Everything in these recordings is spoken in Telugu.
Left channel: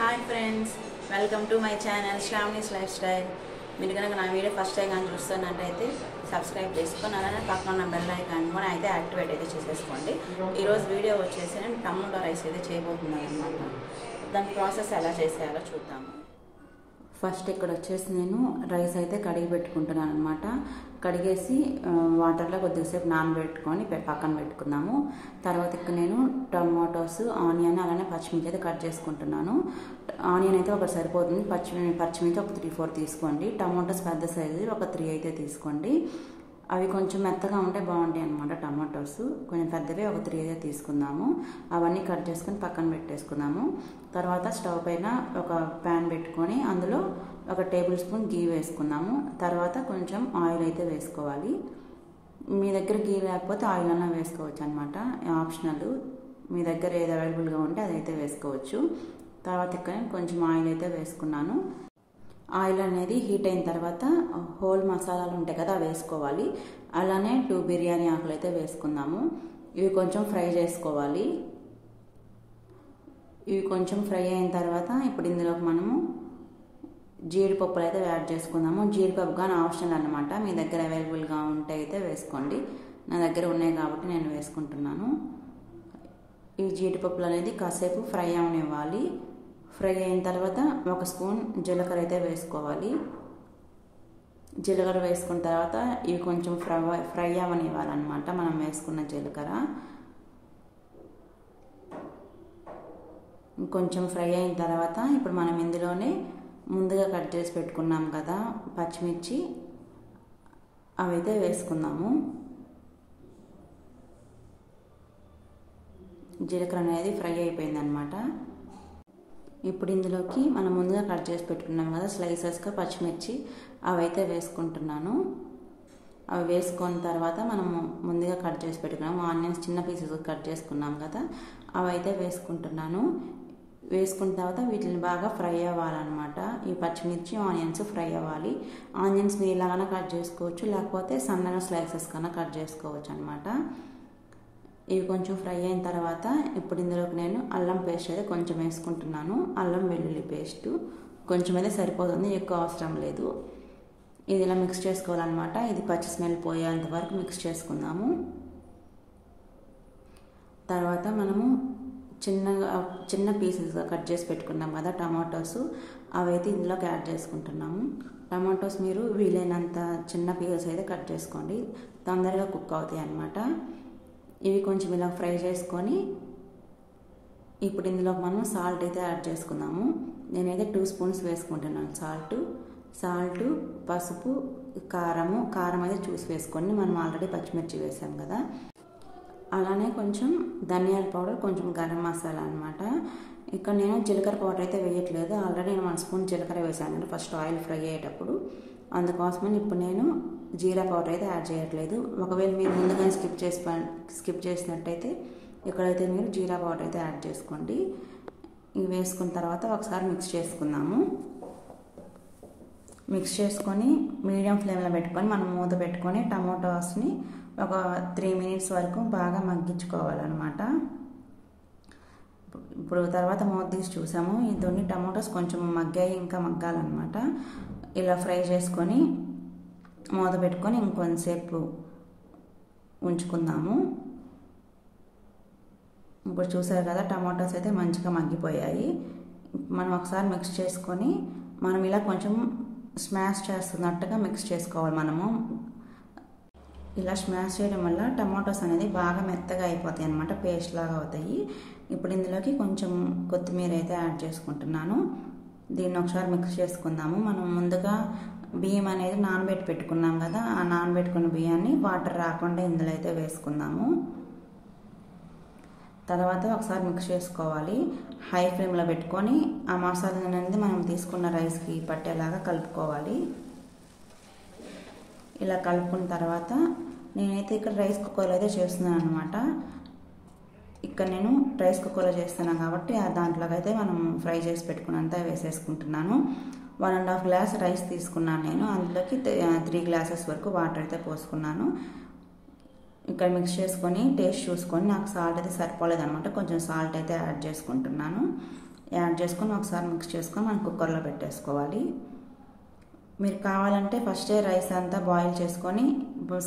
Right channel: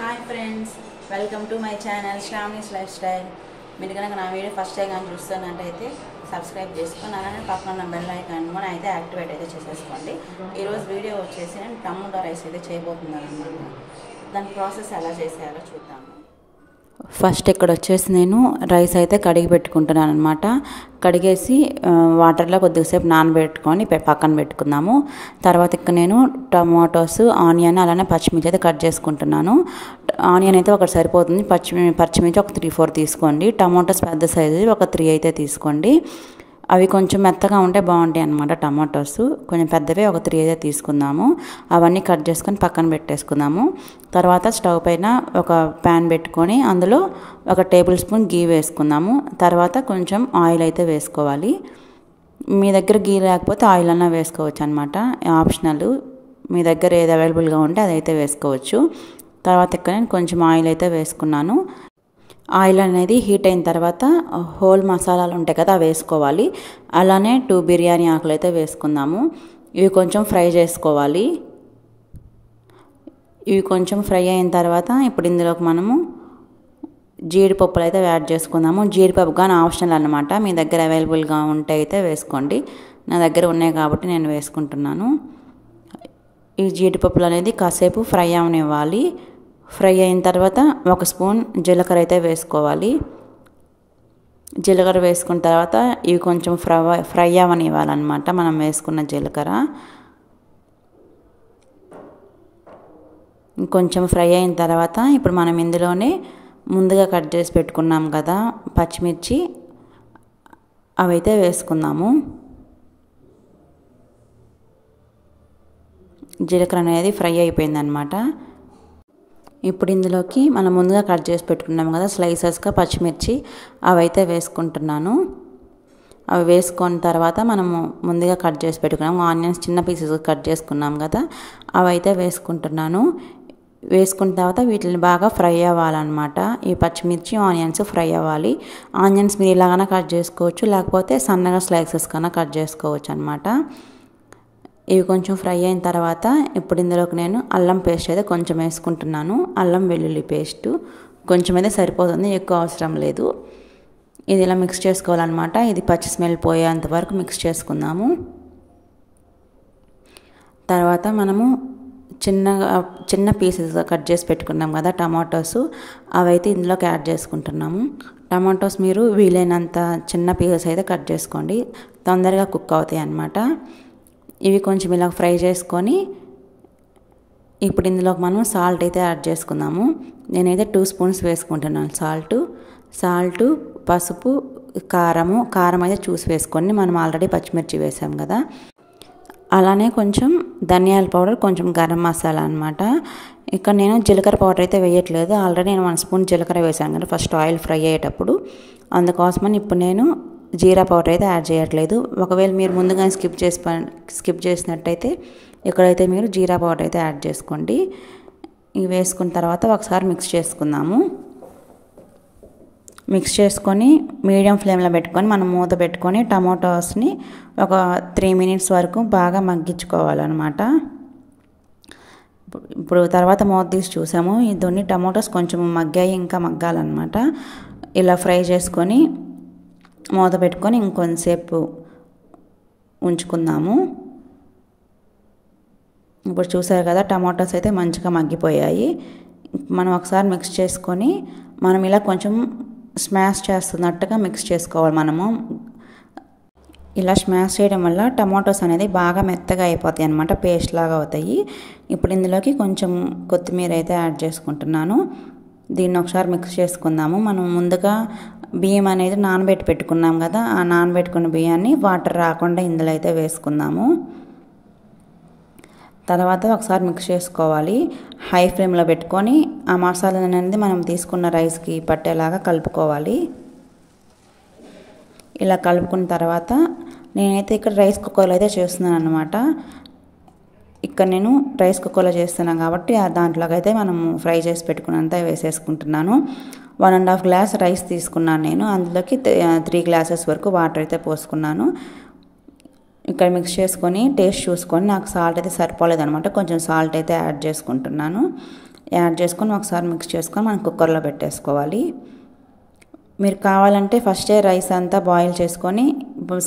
Hi friends, welcome to my channel Sravani's life style. మీరు కనుక నా వీడియో ఫస్ట్ టైం కానీ చూస్తున్నట్టయితే సబ్స్క్రైబ్ చేసుకొని అలానే పక్కన ఉన్న బెల్ ఐకాన్ కూడా అయితే యాక్టివేట్ అయితే చేసేసుకోండి. ఈరోజు వీడియో వచ్చేసి నేను టమోటా రైస్ అయితే చేయబోతున్నాను అనమాట. దాని ప్రాసెస్ ఎలా చేసేయాలో చూద్దాము. ఫస్ట్ ఇక్కడ వచ్చేసి నేను రైస్ అయితే కడిగి పెట్టుకుంటున్నాను అనమాట. కడిగేసి వాటర్లో కొద్దిసేపు నానబెట్టుకొని పక్కన పెట్టుకుందాము. తర్వాత ఇక్కడ నేను టమాటోస్, ఆనియన్ అలానే పచ్చిమిర్చి అయితే కట్ చేసుకుంటున్నాను. ఆనియన్ అయితే ఒకటి సరిపోతుంది, పచ్చిమిర్చి ఒక 3-4 తీసుకోండి. టమాటోస్ పెద్ద సైజు ఒక 3 అయితే తీసుకోండి. అవి కొంచెం మెత్తగా ఉంటే బాగుంటాయి అన్నమాట. టమాటోస్ కొంచెం పెద్దవే ఒక 3 అయితే తీసుకుందాము. అవన్నీ కట్ చేసుకొని పక్కన పెట్టేసుకుందాము. తర్వాత స్టవ్ పైన ఒక ప్యాన్ పెట్టుకొని అందులో ఒక టేబుల్ స్పూన్ గీ వేసుకుందాము. తర్వాత కొంచెం ఆయిల్ అయితే వేసుకోవాలి. మీ దగ్గర గీ లేకపోతే ఆయిల్ అన్నా వేసుకోవచ్చు అనమాట, ఆప్షనల్. మీ దగ్గర ఏది అవైలబుల్గా ఉంటే అదైతే వేసుకోవచ్చు. తర్వాత ఇక్కడ నేను కొంచెం ఆయిల్ అయితే వేసుకున్నాను. ఆయిల్ అనేది హీట్ అయిన తర్వాత హోల్ మసాలాలు ఉంటాయి కదా, అవి వేసుకోవాలి. అలానే 2 బిర్యానీ ఆకులు అయితే వేసుకుందాము. ఇవి కొంచెం ఫ్రై చేసుకోవాలి. ఇవి కొంచెం ఫ్రై అయిన తర్వాత ఇప్పుడు ఇందులోకి మనము జీడిపప్పులు అయితే యాడ్ చేసుకుందాము. జీడిపప్పు కానీ ఆప్షనల్ అనమాట, మీ దగ్గర అవైలబుల్గా ఉంటే అయితే వేసుకోండి. నా దగ్గర ఉన్నాయి కాబట్టి నేను వేసుకుంటున్నాను. ఈ జీడిపప్పులు అనేది కాసేపు ఫ్రై అవనివ్వాలి. ఫ్రై అయిన తర్వాత 1 స్పూన్ జీలకర్ర అయితే వేసుకోవాలి. జీలకర్ర వేసుకున్న తర్వాత ఇవి కొంచెం ఫ్రై అవనివ్వాలన్నమాట, మనం వేసుకున్న జీలకర్ర. కొంచెం ఫ్రై అయిన తర్వాత ఇప్పుడు మనం ఇందులోనే ముందుగా కట్ చేసి పెట్టుకున్నాం కదా పచ్చిమిర్చి, అవైతే వేసుకుందాము. జీలకర్ర అనేది ఫ్రై అయిపోయిందనమాట. ఇప్పుడు ఇందులోకి మనం ముందుగా కట్ చేసి పెట్టుకున్నాం కదా స్లైసెస్గా పచ్చిమిర్చి, అవైతే వేసుకుంటున్నాను. అవి వేసుకున్న తర్వాత మనము ముందుగా కట్ చేసి పెట్టుకున్నాము ఆనియన్స్, చిన్న పీసెస్ కట్ చేసుకున్నాం కదా, అవైతే వేసుకుంటున్నాను. వేసుకున్న తర్వాత వీటిని బాగా ఫ్రై అవ్వాలన్నమాట. ఈ పచ్చిమిర్చి ఆనియన్స్ ఫ్రై అవ్వాలి. ఆనియన్స్ మీరు ఇలాగైనా కట్ చేసుకోవచ్చు, లేకపోతే సన్నగా స్లైసెస్ కన్నా కట్ చేసుకోవచ్చు అనమాట. ఇవి కొంచెం ఫ్రై అయిన తర్వాత ఇప్పుడు ఇందులోకి నేను అల్లం పేస్ట్ అయితే కొంచెం వేసుకుంటున్నాను. అల్లం వెల్లుల్లి పేస్టు కొంచెం అయితే సరిపోతుంది, ఎక్కువ అవసరం లేదు. ఇది ఇలా మిక్స్ చేసుకోవాలన్నమాట. ఇది పచ్చి స్మెల్ పోయేంత వరకు మిక్స్ చేసుకుందాము. తర్వాత మనము చిన్న పీసెస్గా కట్ చేసి పెట్టుకున్నాం కదా టమాటోస్, అవైతే ఇందులోకి యాడ్ చేసుకుంటున్నాము. టమాటోస్ మీరు వీలైనంత చిన్న పీసెస్ అయితే కట్ చేసుకోండి, తొందరగా కుక్ అవుతాయి అన్నమాట. ఇవి కొంచెం ఇలా ఫ్రై చేసుకొని ఇప్పుడు ఇందులోకి మనం సాల్ట్ అయితే యాడ్ చేసుకుందాము. నేనైతే 2 స్పూన్స్ వేసుకుంటున్నాను సాల్ట్, పసుపు, కారం అయితే చూసి వేసుకోండి. మనం ఆల్రెడీ పచ్చిమిర్చి వేసాం కదా. అలానే కొంచెం ధనియాల పౌడర్, కొంచెం గరం మసాలా అనమాట. ఇక్కడ నేను జీలకర్ర పౌడర్ అయితే వేయట్లేదు, ఆల్రెడీ నేను 1 స్పూన్ జీలకర్ర వేసాను కదా ఫస్ట్ ఆయిల్ ఫ్రై అయ్యేటప్పుడు. అందుకోసమని ఇప్పుడు నేను జీరా పౌడర్ అయితే యాడ్ చేయట్లేదు. ఒకవేళ మీరు ముందుగా స్కిప్ చేసినట్టయితే ఇక్కడైతే మీరు జీరా పౌడర్ అయితే యాడ్ చేసుకోండి. ఇవి వేసుకున్న తర్వాత ఒకసారి మిక్స్ చేసుకుందాము. మిక్స్ చేసుకొని మీడియం ఫ్లేమ్లో పెట్టుకొని మనం మూత పెట్టుకొని టమాటోస్ని ఒక 3 మినిట్స్ వరకు బాగా మగ్గించుకోవాలన్నమాట. ఇప్పుడు తర్వాత మూత తీసి చూసాము, ఇదన్నీ టమాటోస్ కొంచెం మగ్గాయి, ఇంకా మగ్గాలన్నమాట. ఇలా ఫ్రై చేసుకొని మూత పెట్టుకొని ఇంకొంతసేపు ఉంచుకుందాము. ఇప్పుడు చూసారు కదా టమాటోస్ అయితే మంచిగా మగ్గిపోయాయి. మనం ఒకసారి మిక్స్ చేసుకొని మనం ఇలా కొంచెం స్మాష్ చేస్తున్నట్టుగా మిక్స్ చేసుకోవాలి. మనము ఇలా స్మాష్ చేయడం వల్ల టమాటోస్ అనేది బాగా మెత్తగా అయిపోతాయి అన్నమాట, పేస్ట్ లాగా అవుతాయి. ఇప్పుడు ఇందులోకి కొంచెం కొత్తిమీర అయితే యాడ్ చేసుకుంటున్నాను. దీన్ని ఒకసారి మిక్స్ చేసుకుందాము. మనం ముందుగా బియ్యం అనేది నానబెట్టి పెట్టుకున్నాం కదా, ఆ నానబెట్టుకున్న బియ్యాన్ని వాటర్ రాకుండా ఇందులో అయితే వేసుకుందాము. తర్వాత ఒకసారి మిక్స్ చేసుకోవాలి. హై ఫ్లేమ్లో పెట్టుకొని ఆ మసాలా అనేది మనం తీసుకున్న రైస్కి పట్టేలాగా కలుపుకోవాలి. ఇలా కలుపుకున్న తర్వాత నేనైతే ఇక్కడ రైస్ కుక్కర్లో అయితే చేస్తున్నాను అనమాట. ఇక్కడ నేను రైస్ కుక్కర్లో చేస్తున్నాను కాబట్టి దాంట్లోకి అయితే మనము ఫ్రై చేసి పెట్టుకున్నంత వేసేసుకుంటున్నాను. 1.5 గ్లాస్ రైస్ తీసుకున్నాను నేను, అందులోకి 3 గ్లాసెస్ వరకు వాటర్ అయితే పోసుకున్నాను. ఇక్కడ మిక్స్ చేసుకొని టేస్ట్ చూసుకొని నాకు సాల్ట్ అయితే సరిపోలేదు అనమాట, కొంచెం సాల్ట్ అయితే యాడ్ చేసుకుంటున్నాను. యాడ్ చేసుకొని ఒకసారి మిక్స్ చేసుకొని మనం కుక్కర్లో పెట్టేసుకోవాలి. మీరు కావాలంటే ఫస్టే రైస్ అంతా బాయిల్ చేసుకొని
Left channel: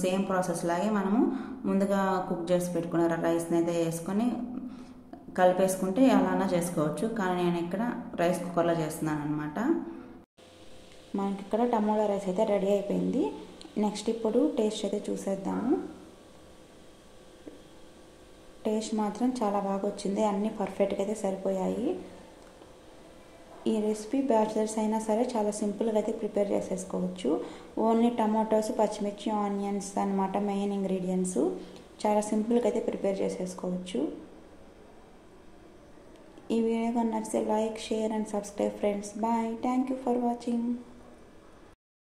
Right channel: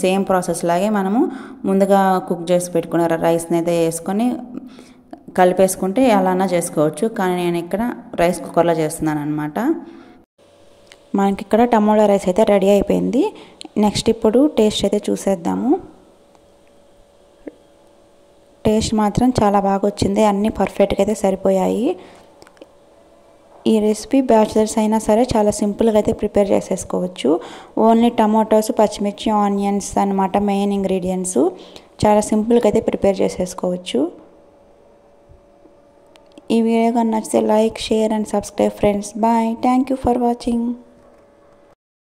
సేమ్ ప్రాసెస్ లాగే మనము ముందుగా కుక్ చేసి పెట్టుకున్న రైస్ని అయితే వేసుకొని కలిపేసుకుంటే అలానే చేసుకోవచ్చు. కానీ నేను ఇక్కడ రైస్ కుక్కర్లో చేస్తున్నాను అనమాట. మనకి ఇక్కడ టమోటా రైస్ అయితే రెడీ అయిపోయింది. నెక్స్ట్ ఇప్పుడు టేస్ట్ అయితే చూసేద్దాము. టేస్ట్ మాత్రం చాలా బాగా వచ్చింది. అన్నీ పర్ఫెక్ట్గా అయితే సరిపోయాయి. ఈ రెసిపీ బ్యాచిలర్స్ అయినా సరే చాలా సింపుల్గా అయితే ప్రిపేర్ చేసేసుకోవచ్చు. ఓన్లీ టమాటోస్, పచ్చిమిర్చి, ఆనియన్స్ అన్నమాట మెయిన్ ఇంగ్రీడియంట్స్. చాలా సింపుల్గా అయితే ప్రిపేర్ చేసేసుకోవచ్చు. ఈ వీడియో కానీ నచ్చితే like, share and subscribe friends. Bye. Thank you for watching.